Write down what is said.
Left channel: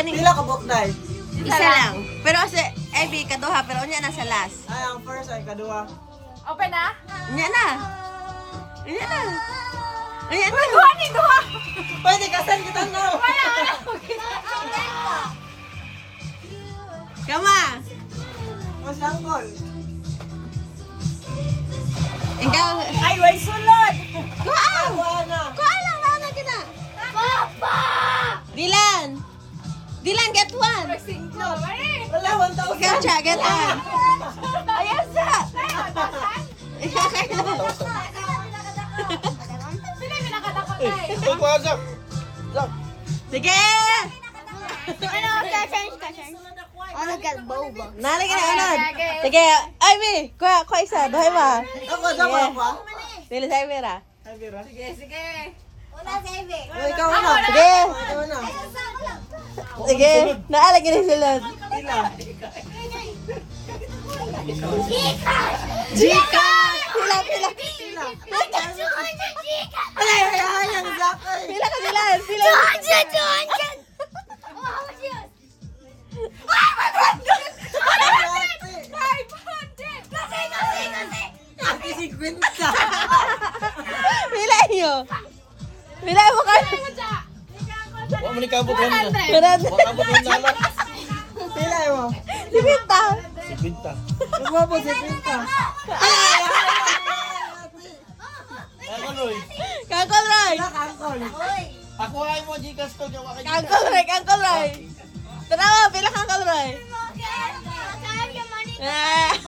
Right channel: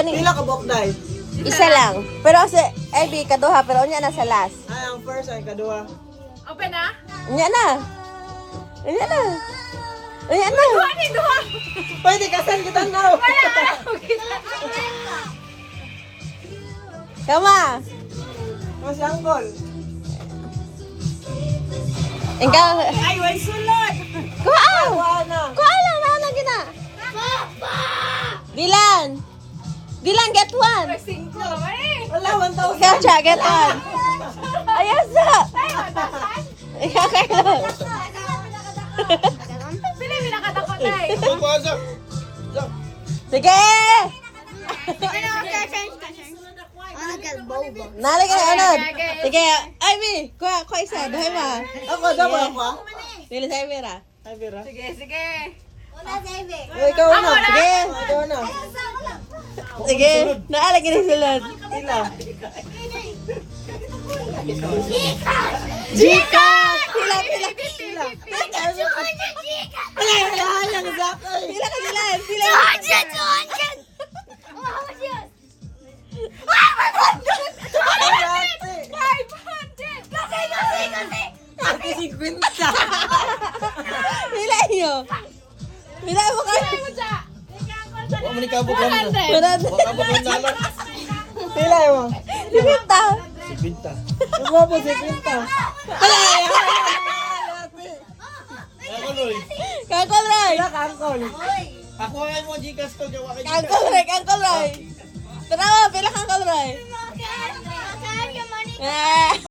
ganing Pila ka book dai. isa lang. Pero kasi Ivy kaduha pero unya na sa last. Ay, ang first ay kaduha. Open na? Unya na. Unya na. Unya na. Duha ni duha. Pwede kasan kita na. Kama. Kasi angkol. Ikaw. Ay, way sulod. Kuha. Ano? Kuha lang na gina. Dilan. Dilan get one. Singko. Ay. Wala, 1,000. Gotcha, get one. Ayos na. Okay lang. Pili mi nakatakot ay. Sige. Ano Nalik na ano. Sige, Ivy, kuha isa, dahay ba? Ako, dapat ako. Dili sa Ivy ra. Ay, Vera. Sige, sige. Ay, ikaw na. Sige. Ikaw na. Sige, naalag ni sulod. Pila. Jikat! Pila. Pila. Ay, ay, ay, ang zakay. Pila ka Dilan. Pila. Ate, si Quinta. Pila iyo. Pila mo ka. Wa man ikabot lang na. Kurad. Wa kabot lang na. Pila mo. Libita. Si Binta. Umabo si Quinta. Ako Roy. Kangkol Roy. Pila ka, angkol. Ako ay mo Gcash to gawa kay Kangkol Roy. Tara, pila kangkol Roy. Ah.